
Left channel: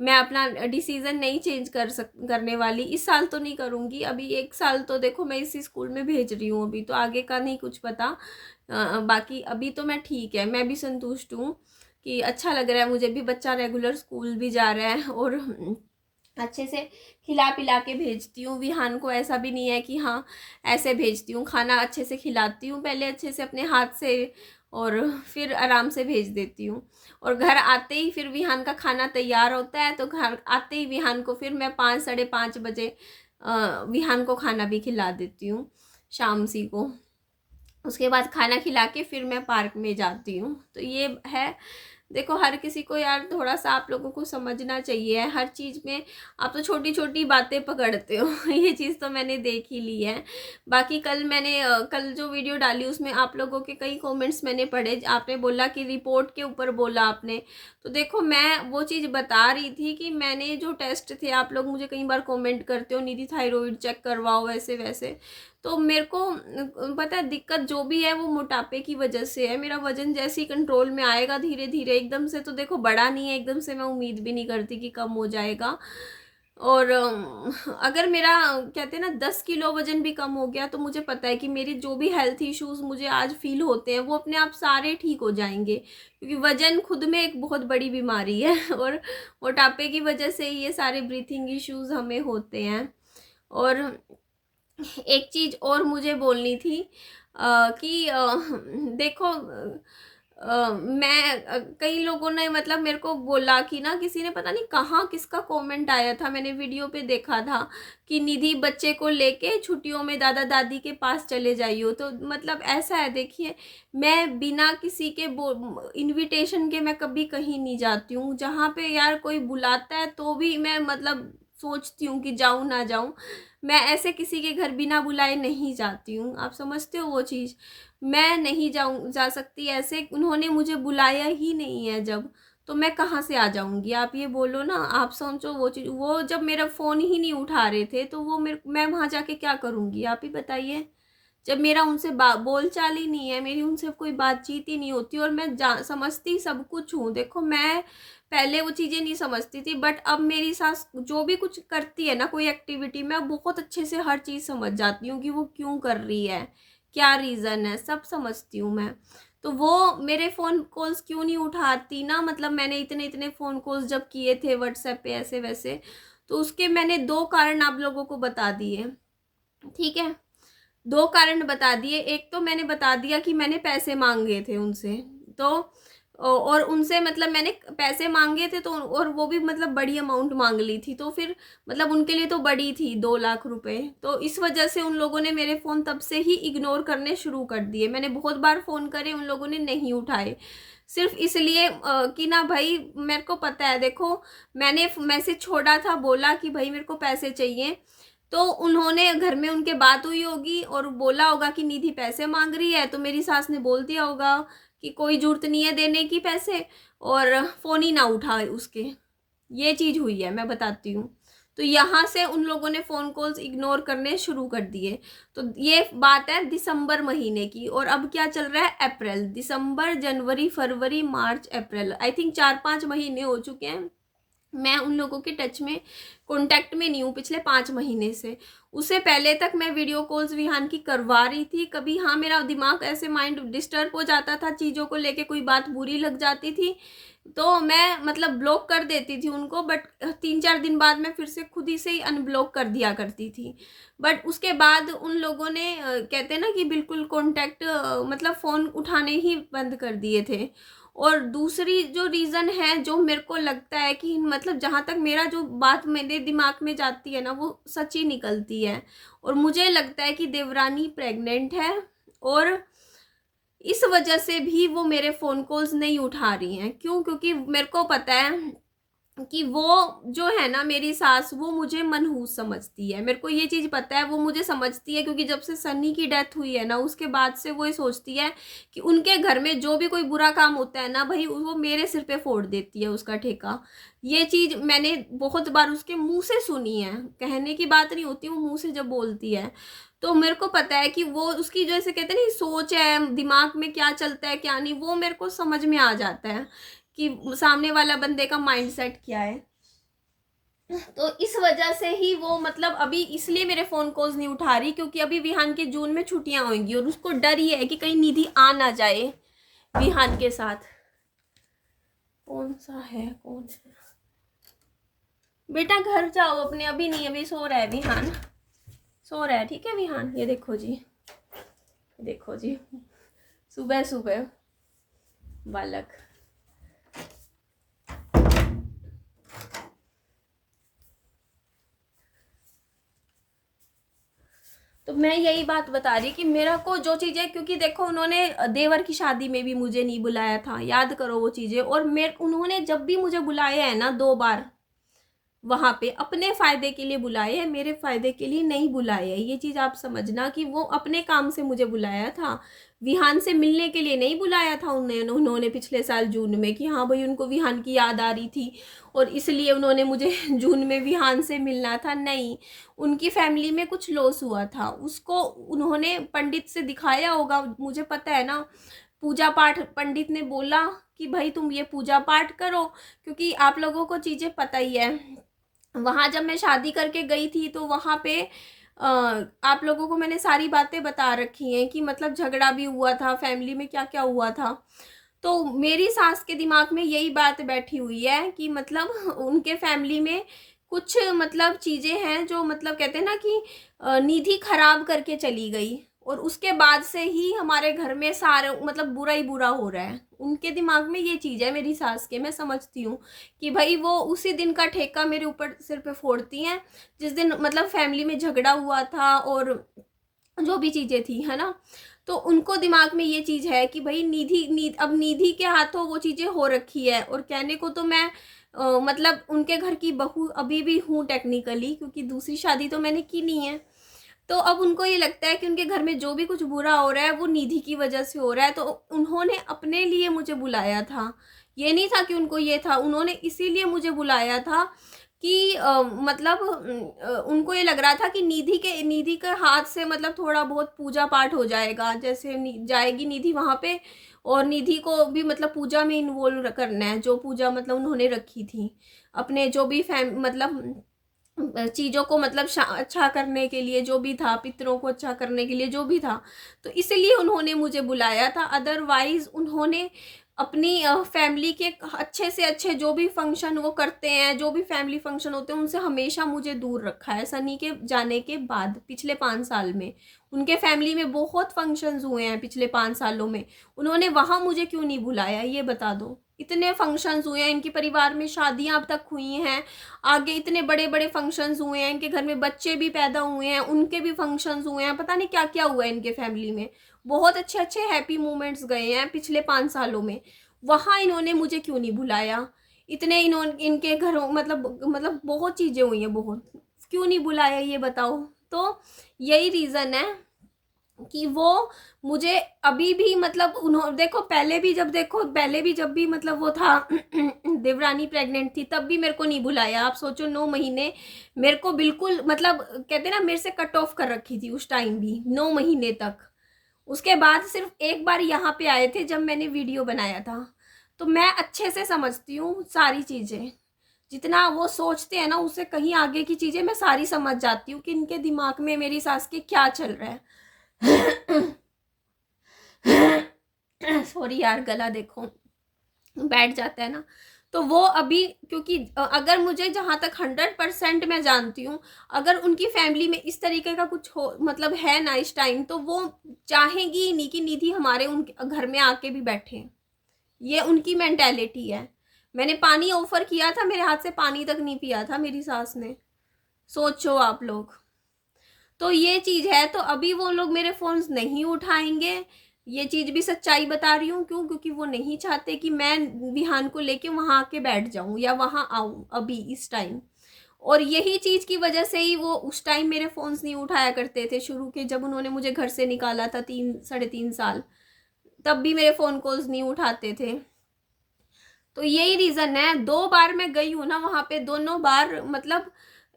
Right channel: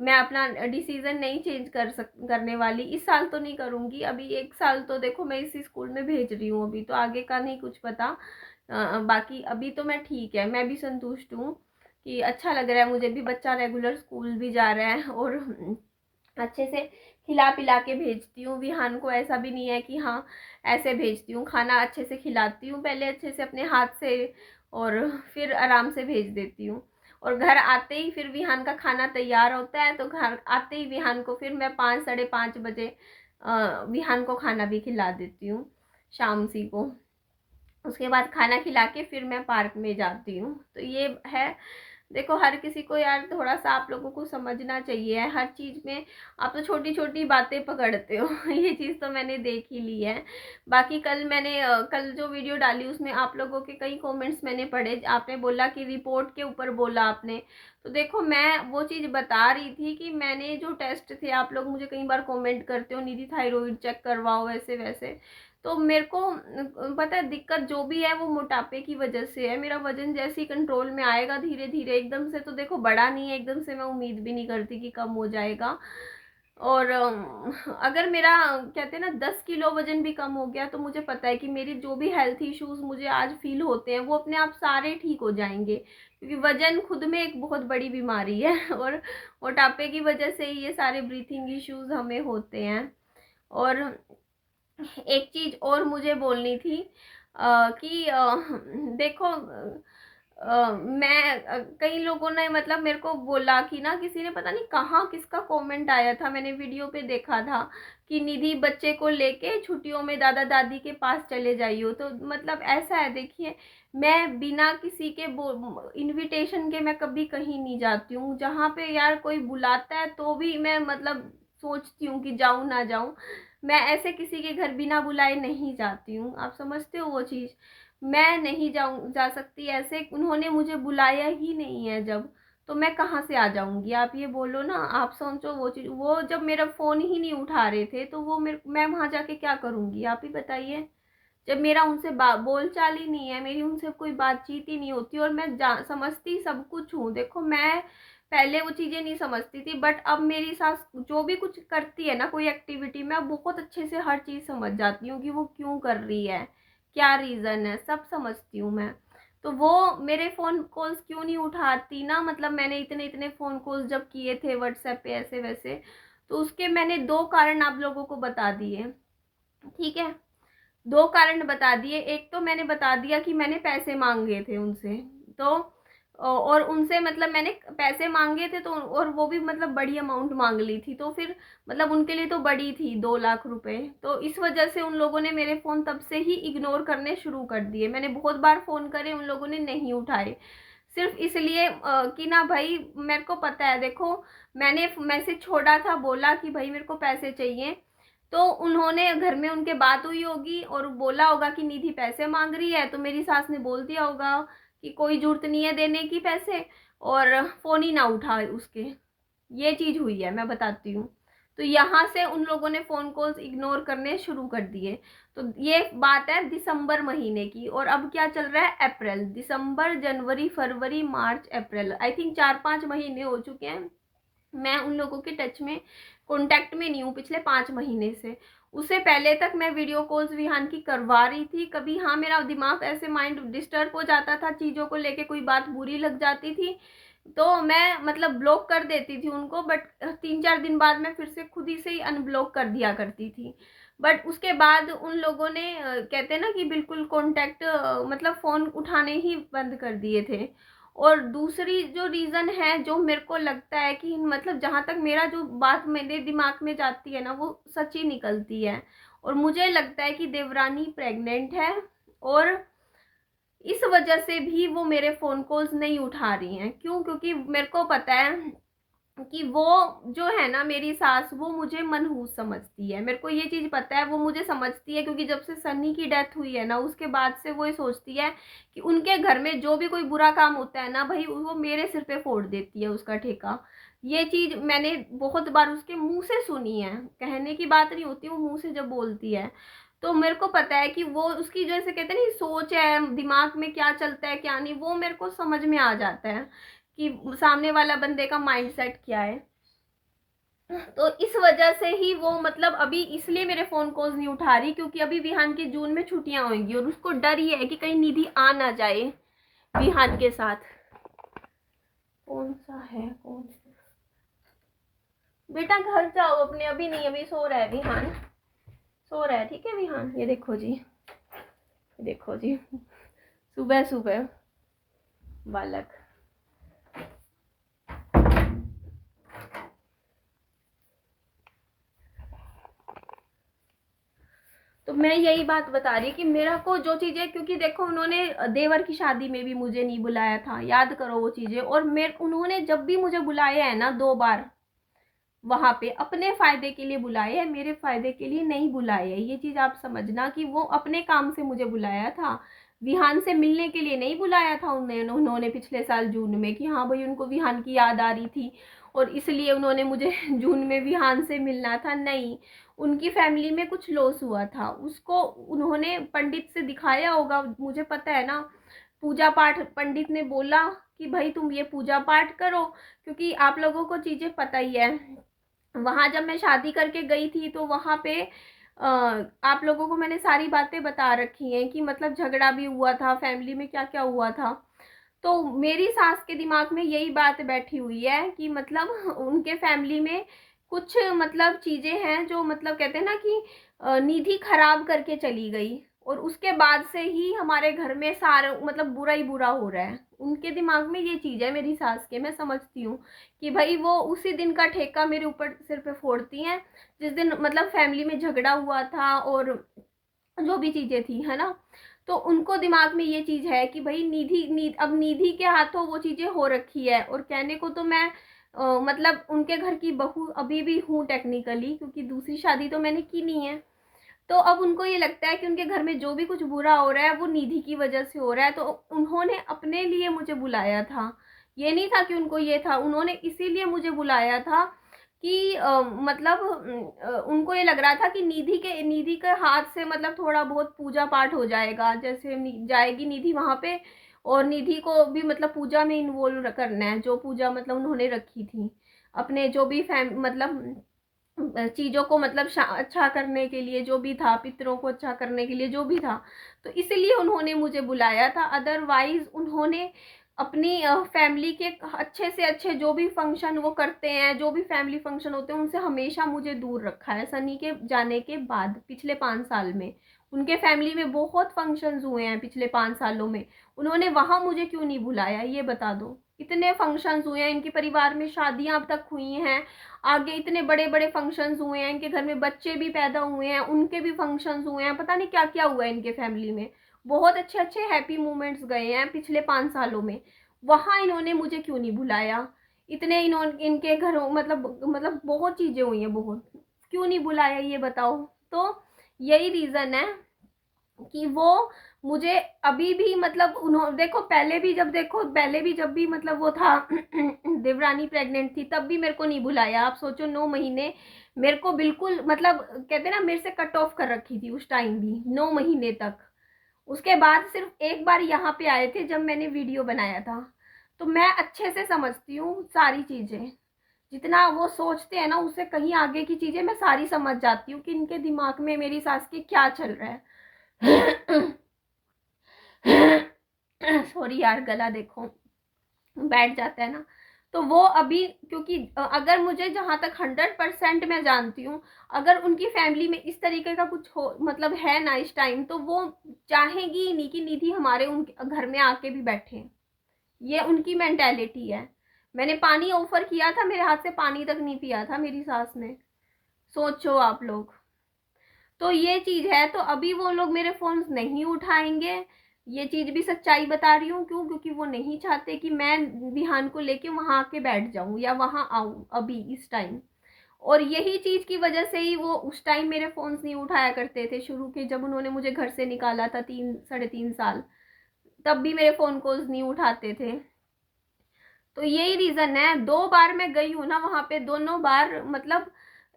मैं अपना डिसीज़न नहीं चेंज करने वाली, इस साल तो नहीं करूँगी। अभी 1 साल तो देखो मैं इसी स्कूल में भेज रही हूँ, अभी तो आगे का नहीं कुछ पता। बाकी अभी तो मैं ठीक है, मैं भी संतुष्ट हूँ कि अच्छा लग रहा है मुझे भी, बच्चा रेगुलर स्कूल भी जा रहा है, और अच्छे से खिला पिला के भेजती हूँ विहान को। ऐसा भी नहीं है कि हाँ ऐसे भेजती हूँ, खाना अच्छे से खिलाती हूँ पहले अच्छे से अपने हाथ से, और फिर आराम से भेज देती हूँ। और घर आते ही फिर विहान का खाना तैयार होता है, तो घर आते ही विहान को फिर मैं 5 साढ़े 5 बजे विहान को खाना भी खिला देती हूँ शाम सी को। उसके बाद खाना खिला के फिर मैं पार्क में जाती हूँ। तो ये है, देखो हर किसी को यार थोड़ा सा आप लोगों को समझना चाहिए, हर चीज़ में आप तो छोटी छोटी बातें पकड़ते हो ये चीज़ तो मैंने देख ही ली है। बाकी कल जो वीडियो डाली उसमें आप लोगों के कई कमेंट्स मैंने पढ़े, आपने बोला कि रिपोर्ट के ऊपर बोला आपने, तो देखो मैं वो चीज़ बता रही थी कि मैंने जो टेस्ट थे, आप लोग मुझे कई बार कमेंट करते हो निधि थायराइड चेक करवाओ वैसे वैसे, तो मेरे को पता है दिक्कत जो भी है वो मोटापे की वजह से है। मेरा वजन जैसे ही कंट्रोल में आएगा धीरे धीरे, एकदम से तो देखो बढ़ा नहीं है, एकदम से मैं उम्मीद भी नहीं करती कि कम हो जाएगा। और अगर मेरा कहते हैं ना 10 किलो वज़न भी कम हो गया तो मुझे पता है कि मेरी जो भी हेल्थ इश्यूज़ मुझे आज फ़ील होते हैं वो अपने आप सारे ठीक हो जाएंगे, क्योंकि वज़न खुद में एक बहुत बड़ी बीमारी है और मोटापे की वजह से ये सारे ब्रीथिंग इश्यूज़ हमें होते हैं। और एक चीज़ और मुझे बोलनी थी कि देखो मैं कई लोगों ने मतलब मेरे को बोला कि ना, किसी ने पता नहीं कहाँ किसका कमेंट आया था, मैंने वीडियो पे देखा था कि निधि बच्चे को लेके छुट्टियों में दादा दादी के पास चले जाइयो। तो मतलब ऐसा है, देखिए मैं बिना किसी के इनविटेशन के मैं कभी कहीं नहीं जाती हूँ। जहाँ पे यार कोई बुलाता है तो भी मैं मतलब सोचती हूँ कि जाऊँ ना जाऊँ। मैं ऐसे किसी के घर बिना बुलाए नहीं जाती हूँ, आप समझते हो वो चीज़। मैं नहीं जा सकती ऐसे, उन्होंने मुझे बुलाया ही नहीं है जब, तो मैं कहाँ से आ जाऊँगी, आप ये बोलो ना। आप सोचो वो चीज़, वो जब मेरा फ़ोन ही नहीं उठा रहे थे तो वो मैं वहाँ जाके क्या करूँगी, आप ही बताइए। जब मेरा उनसे बोल चाल ही नहीं है, मेरी उनसे कोई बातचीत ही नहीं होती, और मैं समझती सब कुछ हूँ। देखो मैं पहले वो चीज़ें नहीं समझती थी, बट अब मेरी सास जो भी कुछ करती है ना, कोई एक्टिविटी, मैं बहुत अच्छे से हर चीज़ समझ जाती हूँ कि वो क्यों कर रही है, क्या रीज़न है, सब समझती हूँ मैं। तो वो मेरे फ़ोन कॉल्स क्यों नहीं उठाती ना, मतलब मैंने इतने इतने फ़ोन कॉल्स जब किए थे व्हाट्सएप पे ऐसे वैसे, तो उसके मैंने 2 कारण आप लोगों को बता दिए, ठीक है। 2 कारण बता दिए। एक तो मैंने बता दिया कि मैंने पैसे मांगे थे उनसे, तो और उनसे मतलब मैंने पैसे मांगे थे, तो और वो भी मतलब बड़ी अमाउंट मांग ली थी, तो फिर मतलब उनके लिए तो बड़ी थी, 2 लाख रुपए। तो इस वजह से उन लोगों ने मेरे फ़ोन तब से ही इग्नोर करने शुरू कर दिए। मैंने बहुत बार फ़ोन करे, उन लोगों ने नहीं उठाए, सिर्फ इसलिए कि ना भाई मेरे को पता है, देखो मैंने मैसेज छोड़ा था, बोला कि भाई मेरे को पैसे चाहिए, तो उन्होंने घर में उनके बात हुई होगी और बोला होगा कि निधि पैसे मांग रही है, तो मेरी सास ने बोल दिया होगा कि कोई जरूरत नहीं है देने की पैसे, और फ़ोन ही ना उठा उसके। ये चीज़ हुई है, मैं बताती हूँ। तो यहाँ से उन लोगों ने फ़ोन कॉल्स इग्नोर करने शुरू कर दिए। तो ये बात है दिसंबर महीने की, और अब क्या चल रहा है, अप्रैल, दिसंबर, जनवरी, फरवरी, मार्च, अप्रैल, आई थिंक 4-5 महीने हो चुके हैं। मैं उन लोगों के टच में, कांटेक्ट में नहीं हूँ पिछले 5 महीने से। उससे पहले तक मैं वीडियो कॉल्स विहान की करवा रही थी। कभी हाँ मेरा दिमाग ऐसे माइंड डिस्टर्ब हो जाता था, चीज़ों को लेके कोई बात बुरी लग जाती थी, तो मैं मतलब ब्लॉक कर देती थी उनको, बट 3-4 दिन बाद मैं फिर से खुद ही से ही अनब्लॉक कर दिया करती थी। बट उसके बाद उन लोगों ने कहते हैं ना कि बिल्कुल कांटेक्ट मतलब फ़ोन उठाने ही बंद कर दिए थे। और दूसरी जो रीज़न है, जो मेरे को लगता है कि मतलब जहाँ तक मेरा जो बात मेरे दिमाग में जाती है ना, वो सच ही निकलती है, और मुझे लगता है कि देवरानी प्रेग्नेंट है, और इस वजह से भी वो मेरे फ़ोन कॉल्स नहीं उठा रही हैं। क्यों? क्योंकि मेरे को पता है कि वो जो है ना मेरी सास, वो मुझे मनहूस समझती है। मेरे को ये चीज़ पता है, वो मुझे समझती है, क्योंकि जब से सन्नी की डेथ हुई है ना, उसके बाद से वो ये सोचती है कि उनके घर में जो भी कोई बुरा काम होता है ना भाई, वो मेरे सिर पे फोड़ देती है उसका ठेका। ये चीज़ मैंने बहुत बार उसके मुंह से सुनी है, कहने की बात नहीं होती, वो मुंह से जब बोलती है, तो मेरे को पता है कि वो उसकी जैसे कहते हैं ना सोच है, दिमाग में क्या चलता है क्या नहीं, वो मेरे को समझ में आ जाता है कि सामने वाला बंदे का माइंडसेट क्या है। तो इस वजह से ही वो मतलब अभी इसलिए मेरे फ़ोन कॉल्स नहीं उठा रही, क्योंकि अभी विहान के जून में छुट्टियां होंगी, और उसको डर ही है कि कहीं निधि आ ना जाए विहान के साथ। कौन सा है, कौन है बेटा, घर जाओ अपने, अभी नहीं, अभी सो रहा है विहान, सो रहा है, ठीक है विहान। ये देखो जी, देखो जी, सुबह सुबह बालक। तो मैं यही बात बता रही कि मेरा को जो चीज़ें, क्योंकि देखो उन्होंने देवर की शादी में भी मुझे नहीं बुलाया था, याद करो वो चीज़ें, और मेरे उन्होंने जब भी मुझे बुलाया है ना 2 बार, वहाँ पे अपने फ़ायदे के लिए बुलाए है, मेरे फ़ायदे के लिए नहीं बुलाए है। ये चीज़ आप समझना कि वो अपने काम से मुझे बुलाया था, विहान से मिलने के लिए नहीं बुलाया था उन्होंने पिछले साल जून में, कि हाँ भाई उनको विहान की याद आ रही थी और इसलिए उन्होंने मुझे जून में विहान से मिलना था, नहीं। उनकी फैमिली में कुछ लॉस हुआ था, उसको उन्होंने पंडित से दिखाया होगा, मुझे पता है ना। पूजा पाठ, पंडित ने बोला कि भाई तुम ये पूजा पाठ करो, क्योंकि आप लोगों को चीज़ें पता ही है वहाँ जब मैं शादी करके गई थी तो वहाँ पे आप लोगों को मैंने सारी बातें बता रखी हैं कि मतलब झगड़ा भी हुआ था, फैमिली में क्या क्या हुआ था। तो मेरी सास के दिमाग में यही बात बैठी हुई है कि मतलब उनके फैमिली में कुछ मतलब चीज़ें हैं जो मतलब कहते हैं ना कि निधि खराब करके चली गई, और उसके बाद से ही हमारे घर में सारा मतलब बुरा ही बुरा हो रहा है। उनके दिमाग में ये चीज़ है मेरी सास के, मैं समझती हूँ कि भाई वो उसी दिन का ठेका मेरे ऊपर सिर पे फोड़ती हैं जिस दिन मतलब फैमिली में झगड़ा हुआ था और जो भी चीज़ें थी, है ना। तो उनको दिमाग में ये चीज़ है कि भाई अब निधि के हाथों वो चीज़ें हो रखी है। और कहने को तो मैं मतलब उनके घर की बहू अभी भी हूँ टेक्निकली, क्योंकि दूसरी शादी तो मैंने की नहीं है। तो अब उनको ये लगता है कि उनके घर में जो भी कुछ बुरा हो रहा है वो निधि की वजह से हो रहा है। तो उन्होंने अपने लिए मुझे बुलाया था, ये नहीं था कि उनको ये था, उन्होंने इसीलिए मुझे बुलाया था कि मतलब उनको ये लग रहा था कि निधि के हाथ से मतलब थोड़ा बहुत पूजा पाठ हो जाएगा, जैसे जाएगी निधि वहाँ पे, और निधि को भी मतलब पूजा में इन्वॉल्व करना है, जो पूजा मतलब उन्होंने रखी थी अपने जो भी मतलब चीज़ों को मतलब अच्छा करने के लिए, जो भी था पितरों को अच्छा करने के लिए जो भी था, तो इसलिए उन्होंने मुझे बुलाया था। अदरवाइज़ उन्होंने अपनी फैमिली के अच्छे से अच्छे जो भी फंक्शन वो करते हैं, जो भी फैमिली फंक्शन होते हैं, उनसे हमेशा मुझे दूर रखा है। सनी के जाने के बाद पिछले 5 साल में उनके फैमिली में बहुत फंक्शंस हुए हैं पिछले 5 सालों में, उन्होंने वहाँ मुझे क्यों नहीं बुलाया, ये बता दो। इतने फंक्शंस हुए हैं, इनके परिवार में शादियाँ अब तक हुई हैं, आगे इतने बड़े बड़े फंक्शंस हुए हैं, इनके घर में बच्चे भी पैदा हुए हैं, उनके भी फंक्शंस हुए हैं, पता नहीं क्या क्या हुआ है इनके फैमिली में। बहुत अच्छे अच्छे हैप्पी मोमेंट्स गए हैं पिछले 5 सालों में, वहाँ इन्होंने मुझे क्यों नहीं बुलाया। इतने इन्होंने इनके घरों मतलब बहुत चीज़ें हुई हैं, बहुत, क्यों नहीं बुलाया ये बताओ। तो यही रीज़न है कि वो मुझे अभी भी मतलब उन्होंने देखो पहले भी जब भी मतलब वो था देवरानी प्रेग्नेंट थी, तब भी मेरे को नहीं बुलाया। आप सोचो 9 महीने मेरे को बिल्कुल मतलब कहते ना मेरे से कट ऑफ कर रखी थी उस टाइम भी, 9 महीने तक। उसके बाद सिर्फ एक बार यहाँ पे आए थे जब मैंने वीडियो बनाया था। तो मैं अच्छे से समझती हूँ सारी चीज़ें, जितना वो सोचते हैं ना उससे कहीं आगे की चीज़ें मैं सारी समझ जाती हूँ कि इनके दिमाग में मेरी सास के क्या चल रहा है। सॉरी यार, गला देखो बैठ जाता है ना। तो वो अभी क्योंकि अगर मुझे जहाँ तक 100% मैं जानती हूँ, अगर उनकी फैमिली में इस तरीके का कुछ हो मतलब है ना इस टाइम, तो वो चाहेगी नहीं कि निधि हमारे उनके घर में आके भी बैठे। ये उनकी मेंटेलिटी है। मैंने पानी ऑफर किया था, मेरे हाथ से पानी तक नहीं पिया था मेरी सास ने, सोचो आप लोग। तो ये चीज़ है, तो अभी वो लोग मेरे फ़ोन्स नहीं उठाएंगे, ये चीज़ भी सच्चाई बता रही हूँ। क्यों? क्योंकि वो नहीं चाहते कि मैं विहान को लेके वहाँ आके बैठ जाऊँ या वहाँ आऊँ अभी इस टाइम। और यही चीज़ की वजह से ही वो उस टाइम मेरे फ़ोन्स नहीं उठाया करते थे शुरू के, जब उन्होंने मुझे घर से निकाला था 3 साढ़े 3 साल, तब भी मेरे फ़ोन कॉल्स नहीं उठाते थे। तो यही रीज़न है। 2 बार मैं गई हूँ ना वहाँ पे, दोनों बार मतलब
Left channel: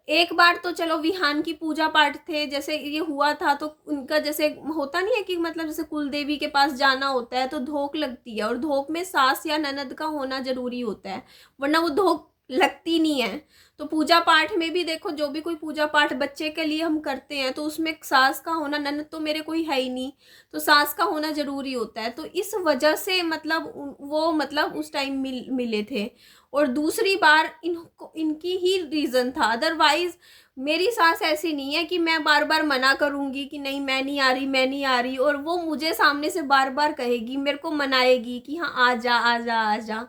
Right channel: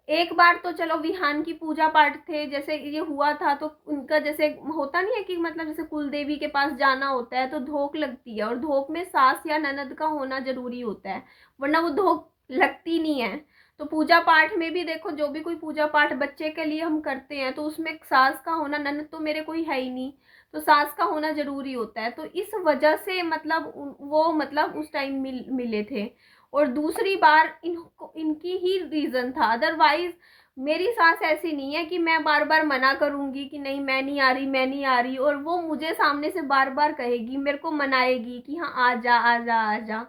एक बार तो चलो विहान की पूजा पाठ थे, जैसे ये हुआ था तो उनका जैसे होता नहीं है कि मतलब जैसे कुल देवी के पास जाना होता है तो धोक लगती है, और धोक में सास या ननद का होना जरूरी होता है, वरना वो धोक लगती नहीं है। तो पूजा पाठ में भी देखो, जो भी कोई पूजा पाठ बच्चे के लिए हम करते हैं तो उसमें सास का होना, ननद तो मेरे कोई है ही नहीं, तो सास का होना जरूरी होता है। तो इस वजह से मतलब वो मतलब उस टाइम मिले थे। और दूसरी बार इनकी ही रीज़न था, अदरवाइज मेरी सास ऐसी नहीं है कि मैं बार बार मना करूँगी कि नहीं मैं नहीं आ रही, मैं नहीं आ रही, और वो मुझे सामने से बार बार कहेगी, मेरे को मनाएगी कि हाँ आ जा आ जा आ जा।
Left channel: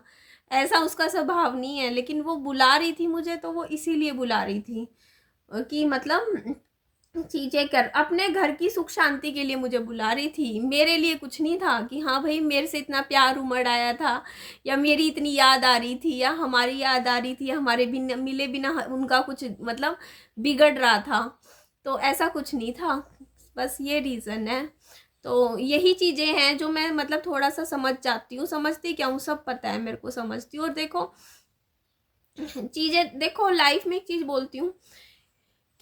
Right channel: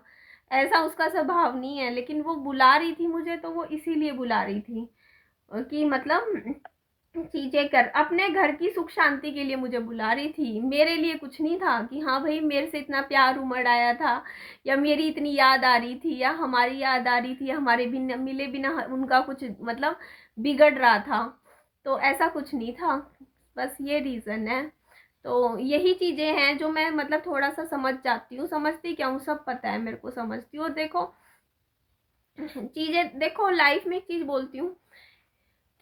ऐसा उसका स्वभाव नहीं है, लेकिन वो बुला रही थी मुझे तो वो इसीलिए बुला रही थी कि मतलब चीज़ें कर अपने घर की सुख शांति के लिए मुझे बुला रही थी, मेरे लिए कुछ नहीं था कि हाँ भाई मेरे से इतना प्यार उमड़ आया था, या मेरी इतनी याद आ रही थी, या हमारी याद आ रही थी, या हमारे बिना मिले बिना उनका कुछ मतलब बिगड़ रहा था। तो ऐसा कुछ नहीं था, बस ये रीज़न है। तो यही चीज़ें हैं जो मैं मतलब थोड़ा सा समझ जाती हूँ, समझती क्या हूँ, सब पता है मेरे को, समझती हूँ। और देखो चीज़ें, देखो लाइफ में एक चीज़ बोलती हूँ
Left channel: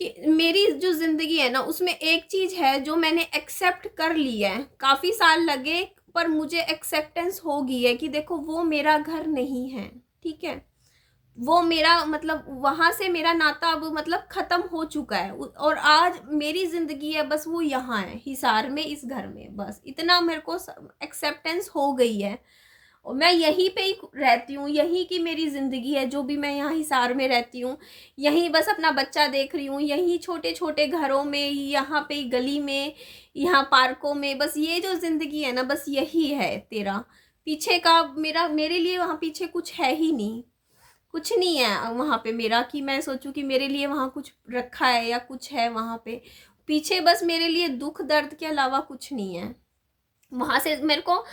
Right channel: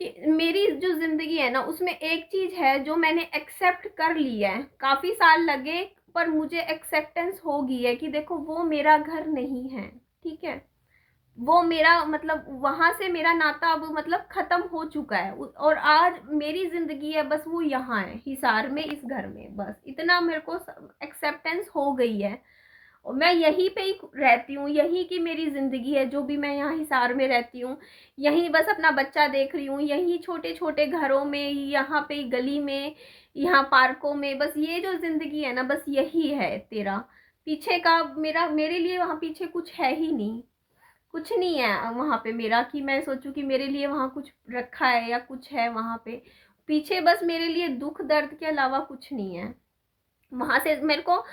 कि मेरी जो ज़िंदगी है ना उसमें एक चीज़ है जो मैंने एक्सेप्ट कर ली है, काफ़ी साल लगे पर मुझे एक्सेप्टेंस हो गई है कि देखो वो मेरा घर नहीं है, ठीक है। वो मेरा मतलब वहाँ से मेरा नाता अब मतलब ख़त्म हो चुका है। और आज मेरी ज़िंदगी है बस वो यहाँ है हिसार में, इस घर में, बस इतना मेरे को एक्सेप्टेंस हो गई है। और मैं यहीं पे ही रहती हूँ, यहीं की मेरी ज़िंदगी है, जो भी मैं यहाँ हिसार में रहती हूँ, यहीं बस अपना बच्चा देख रही हूँ, यहीं छोटे छोटे घरों में, यहाँ पे गली में, यहाँ पार्कों में, बस ये जो ज़िंदगी है ना, बस यही है तेरा। पीछे का मेरा, मेरे लिए वहाँ पीछे कुछ है ही नहीं, कुछ नहीं है वहाँ पे मेरा कि मैं सोचूं कि मेरे लिए वहाँ कुछ रखा है या कुछ है वहाँ पे। पीछे बस मेरे लिए दुख दर्द के अलावा कुछ नहीं है। वहाँ से मेरे को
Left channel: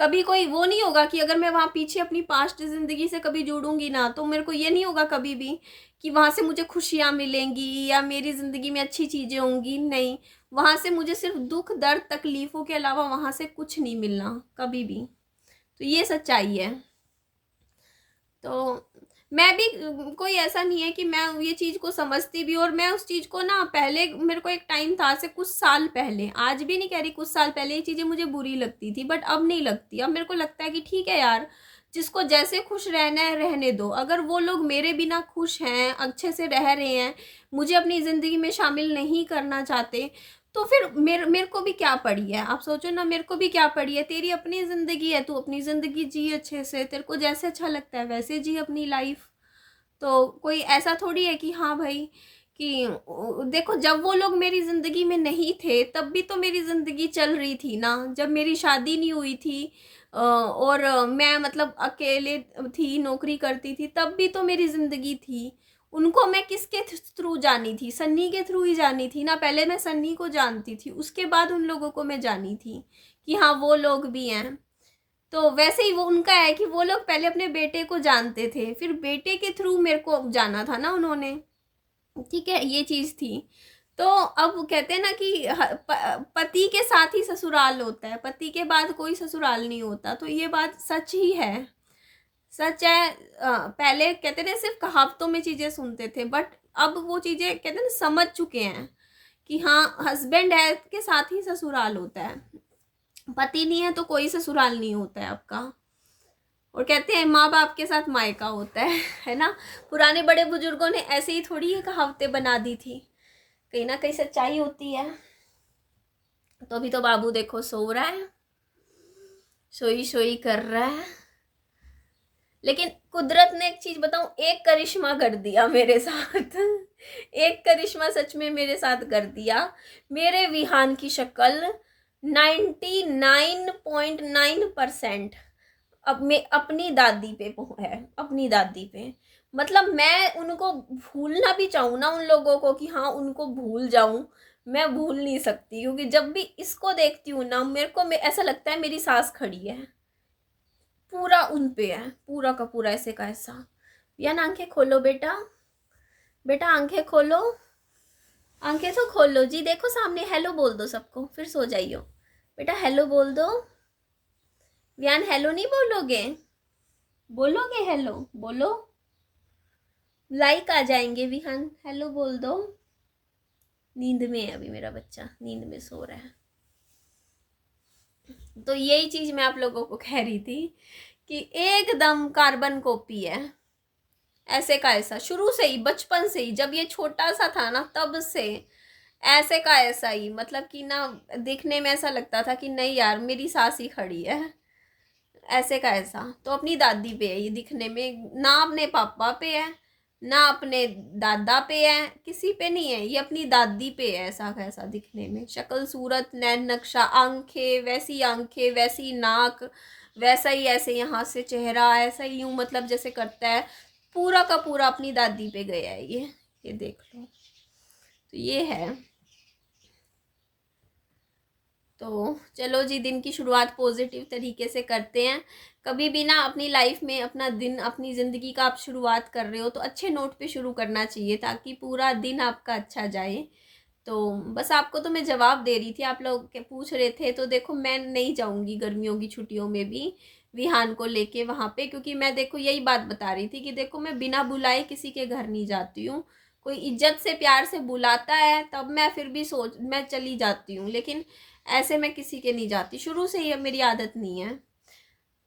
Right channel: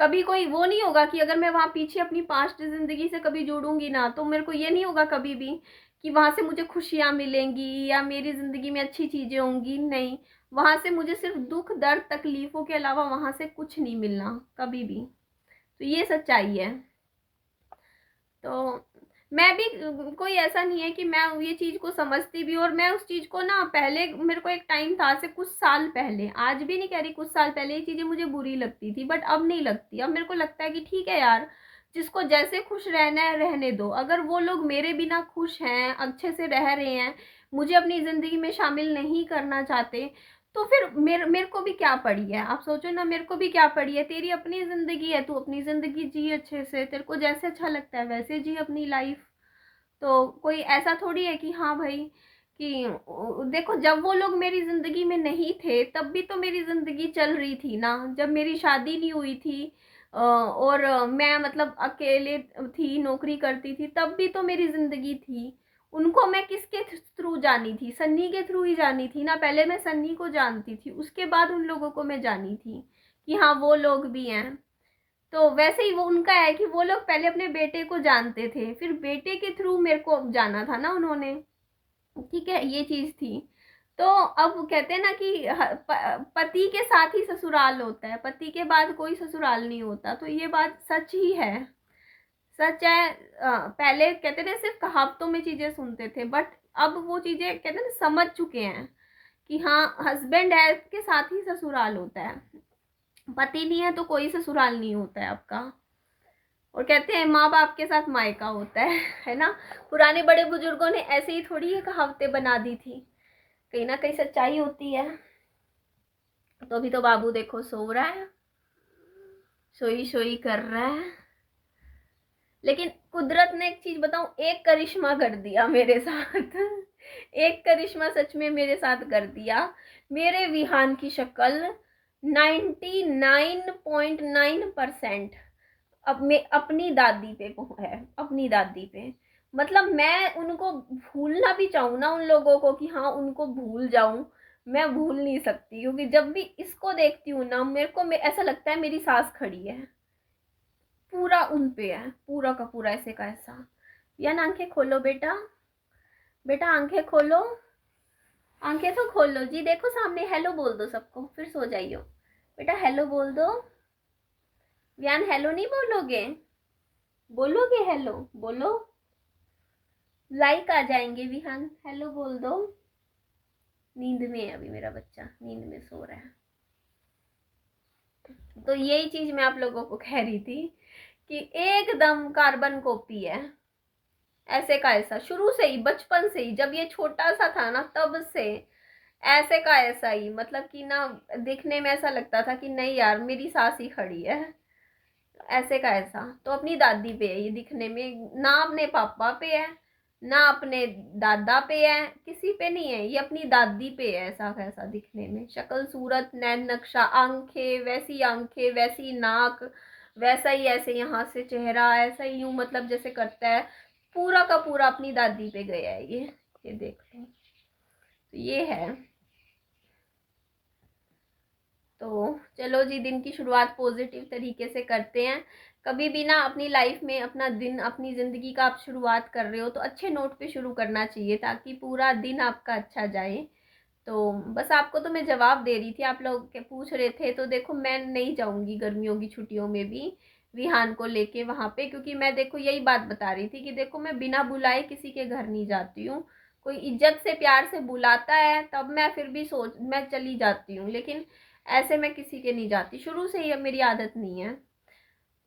कभी कोई वो नहीं होगा कि अगर मैं वहाँ पीछे अपनी पास्ट ज़िंदगी से कभी जुड़ूंगी ना, तो मेरे को ये नहीं होगा कभी भी कि वहाँ से मुझे खुशियाँ मिलेंगी या मेरी ज़िंदगी में अच्छी चीज़ें होंगी। नहीं, वहाँ से मुझे सिर्फ दुख दर्द तकलीफ़ों के अलावा वहाँ से कुछ नहीं मिलना कभी भी। तो ये सच्चाई है। तो मैं भी, कोई ऐसा नहीं है कि मैं ये चीज़ को समझती भी, और मैं उस चीज़ को ना, पहले मेरे को एक टाइम था से कुछ साल पहले, आज भी नहीं कह रही, कुछ साल पहले ये चीज़ें मुझे बुरी लगती थी, बट अब नहीं लगती। अब मेरे को लगता है कि ठीक है यार, जिसको जैसे खुश रहना है रहने दो। अगर वो लोग मेरे बिना खुश हैं, अच्छे से रह रहे हैं, मुझे अपनी ज़िंदगी में शामिल नहीं करना चाहते, तो फिर मेरे को भी क्या पड़ी है। आप सोचो ना, मेरे को भी क्या पड़ी है। तेरी अपनी ज़िंदगी है, तू अपनी ज़िंदगी जी अच्छे से, तेरे को जैसे अच्छा लगता है वैसे जी अपनी लाइफ। तो कोई ऐसा थोड़ी है कि हाँ भाई, कि देखो, जब वो लोग मेरी ज़िंदगी में नहीं थे तब भी तो मेरी ज़िंदगी चल रही थी ना। जब मेरी शादी नहीं हुई थी और मैं मतलब अकेले थी, नौकरी करती थी, तब भी तो मेरी ज़िंदगी थी। उनको मैं किसके थ्रू जानी थी? सन्नी के थ्रू ही जानी थी ना। पहले मैं सन्नी को जानती थी, उसके बाद उन लोगों को मैं जानी थी कि हाँ वो लोग भी हैं। तो वैसे ही वो उनका है कि वो लोग पहले अपने बेटे को जानते थे, फिर बेटे के थ्रू मेरे को जाना था ना उन्होंने। ठीक है, ये चीज़ थी। तो अब कहते हैं ना कि पति के साथ ही ससुराल होता है, पति के बाद कोई ससुराल नहीं होता। तो ये बात सच ही है, सच है। पहले कहते थे सिर्फ कहावतों में चीज़ें सुनते थे, बट अब वो चीज़ें कहते हैं ना समझ चुके हैं कि हाँ, हस्बैंड है के साथ ही ससुराल होता है, पति नहीं है तो कोई ससुराल नहीं होता है आपका। और कहते हैं माँ बाप के साथ मायका होता है ना। पुराने बड़े बुजुर्गों ने ऐसे ही थोड़ी ये कहावतें बना दी थी, कहीं ना कहीं सच्चाई होती है। तो अभी तो बाबू देखो सो रहा है, सोई सोई कर रहा है। लेकिन कुदरत ने एक चीज बताऊं, एक करिश्मा कर दिया मेरे साथ। एक करिश्मा सच में मेरे साथ कर दिया। मेरे विहान की शक्ल 99.9% अब मैं अपनी दादी पे है, अपनी दादी पे। मतलब मैं उनको भूलना भी चाहूँ ना, उन लोगों को कि हाँ उनको भूल जाऊं, मैं भूल नहीं सकती। क्योंकि जब भी इसको देखती हूँ ना, मेरे को ऐसा लगता है मेरी सास खड़ी है, पूरा उन पे है, पूरा का पूरा ऐसे का ऐसा। या ना, आंखें खोलो बेटा, बेटा आंखें खोलो, आंखें तो खोलो जी, देखो सामने, हेलो बोल दो सबको, फिर सो जाइयो। बेटा हेलो बोल दो। व्यान हेलो नहीं बोलोगे? बोलोगे हेलो? बोलो, लाइक आ जाएंगे विहान, हेलो बोल दो। नींद में है अभी मेरा बच्चा, नींद में सो रहा है। तो यही चीज मैं आप लोगों को कह रही थी कि एकदम कार्बन कॉपी है, ऐसे का ऐसा, शुरू से ही, बचपन से ही, जब ये छोटा सा था ना तब से ऐसे का ऐसा ही। मतलब कि ना, दिखने में ऐसा लगता था कि नहीं यार मेरी सास ही खड़ी है, ऐसे का ऐसा। तो अपनी दादी पे है ये दिखने में, ना अपने पापा पे है, ना अपने दादा पे है, किसी पे नहीं है, ये अपनी दादी पे है ऐसा कैसा दिखने में। शक्ल सूरत नैन नक्शा, आंखें वैसी नाक, वैसा ही ऐसे यहाँ से चेहरा ऐसा ही यूं, मतलब जैसे करता है, पूरा का पूरा अपनी दादी पे गया है ये देख लो। तो ये है। तो चलो जी, दिन की शुरुआत पॉजिटिव तरीके से करते हैं। कभी भी ना अपनी लाइफ में अपना दिन, अपनी ज़िंदगी का आप शुरुआत कर रहे हो तो अच्छे नोट पे शुरू करना चाहिए, ताकि पूरा दिन आपका अच्छा जाए। तो बस आपको तो मैं जवाब दे रही थी, आप लोग के पूछ रहे थे। तो देखो, मैं नहीं जाऊँगी गर्मियों की छुट्टियों में भी विहान को लेके वहाँ पे, क्योंकि मैं देखो यही बात बता रही थी कि देखो, मैं बिना बुलाए किसी के घर नहीं जाती हूँ। कोई इज्जत से प्यार से बुलाता है तब मैं फिर भी मैं चली जाती हूँ, लेकिन ऐसे मैं किसी के नहीं जाती, शुरू से ही अब मेरी आदत नहीं है।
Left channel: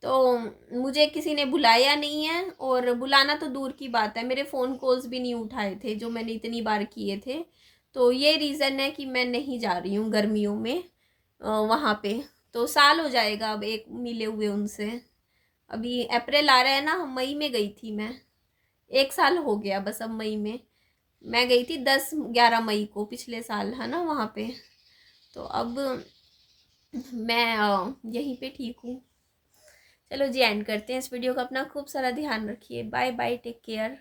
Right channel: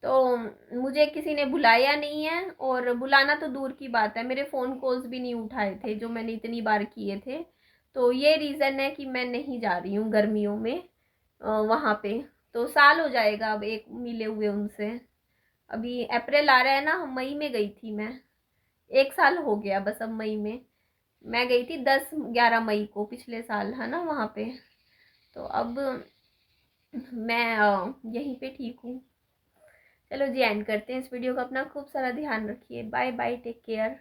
तो मुझे किसी ने बुलाया नहीं है, और बुलाना तो दूर की बात है, मेरे फ़ोन कॉल्स भी नहीं उठाए थे जो मैंने इतनी बार किए थे। तो ये रीज़न है कि मैं नहीं जा रही हूँ गर्मियों में वहाँ पे। तो साल हो जाएगा अब एक मिले हुए उनसे। अभी अप्रैल आ रहा है ना, मई में गई थी मैं। 1 साल हो गया बस अब मई में। मैं गई थी 10-11 मई को पिछले साल, है ना, वहाँ पे। तो अब मैं यहीं पे ठीक हूँ। चलो जी, एंड करते हैं इस वीडियो का। अपना खूब सारा ध्यान रखिए। Bye bye, take care.